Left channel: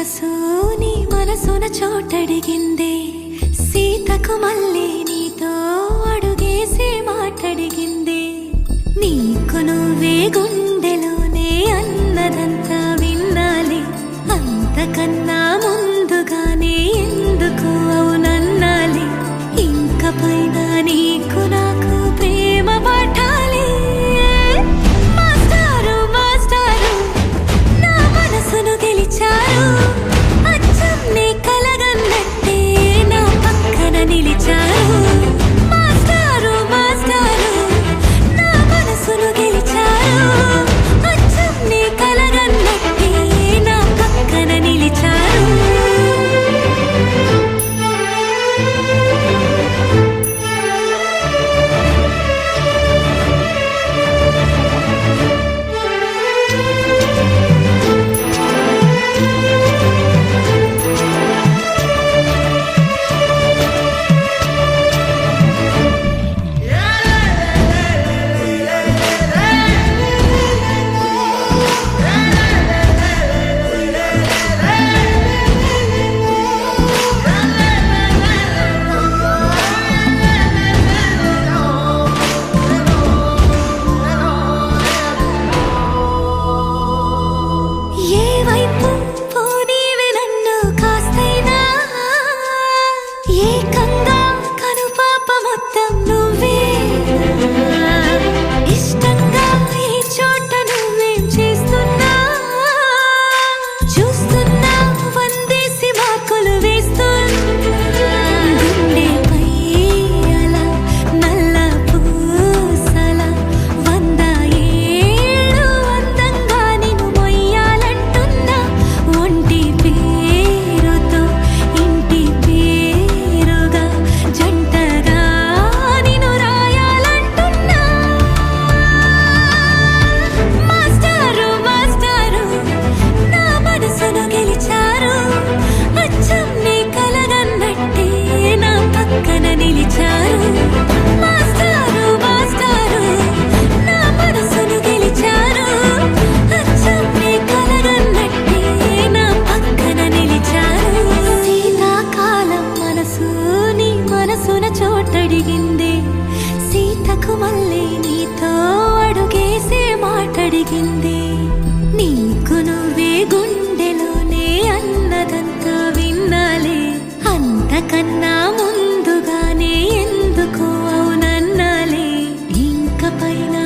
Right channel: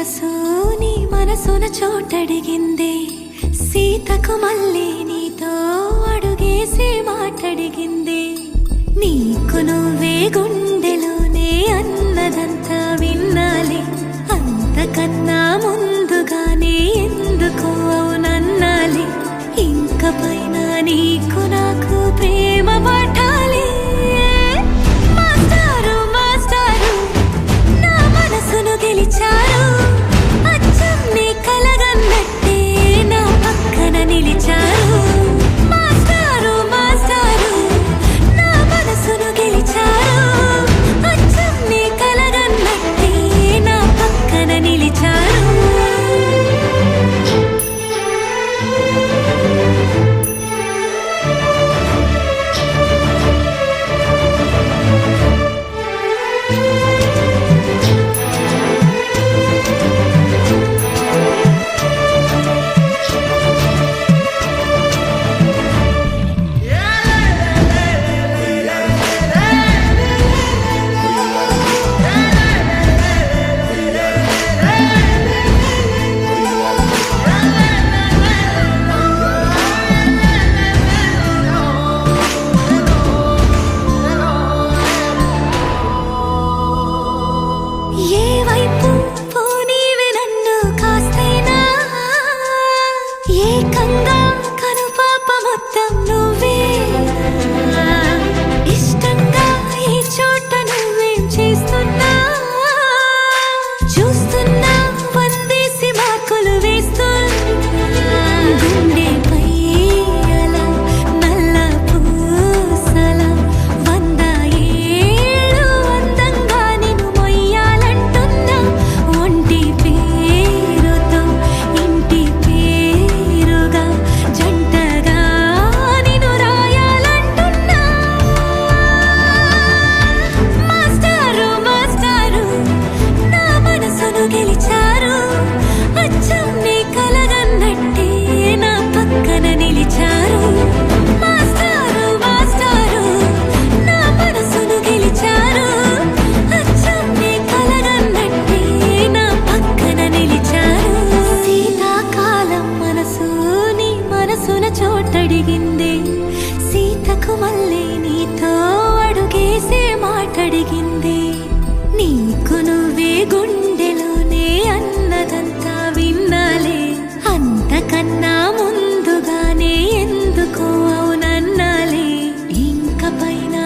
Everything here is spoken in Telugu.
మనసు నీ మనసున చోటడిగిందే, సీతకు మళ్ళీ నీతో అడుగేసి మాటడిగిందే. నీకు నువ్వే గుండెలోనే అన్నదంతా విన్నాలే, అంతకన్నా ముందుగానే ఎందుకు అవునన్నాలే. ఇంక పైన నీకు నాకు ప్రేమ పాఠాలే. మాస్టారు మాస్టారు నా మనసును గెలిచారు, అచ్చం నీ కలగన్నట్టే నా పక్కన నిలిచారు. మాస్టారు మాస్టారు నా మనసును గెలిచారు, అచ్చం నీ కలగన్నట్టే నా పక్కన నిలిచారు. ఏకంగా కనుపాప మొత్తం నువ్వే, ఇష్టంగా ఈ చోట నువ్వేం చేస్తున్నా చూస్తున్నా, వందేసి మార్కులు వేస్తున్నా. గుండెపై అలా నల్ల పూసల 100 ఏళ్ళు అందంగా నిన్ను మొయ్యాలంటున్నా. ఒంటి పేరుతో ఇంటి పేరుగా జంటగా నిన్ను రాయాలంటున్నా. మాస్టారు మాస్టారు నా మనసును గెలిచారు, అచ్చం నీ కలగన్నట్టే నా పక్కన నిలిచారు. మాస్టారు మాస్టారు నా మనసును గెలిచారు, అచ్చం నీ కలగన్నట్టే నా పక్కన నిలిచారు. శీతాకాలం మనసు నీ మనసున చోటడిగిందే, సీతకు మళ్ళీ నీతో అడుగేసే మాటడిగిందే. నీకు నువ్వే గుండెలోనే అన్నదంతా విన్నాలే, అంతకన్నా ముందుగానే ఎందుకు అవునన్నాలే. ఇంక పైన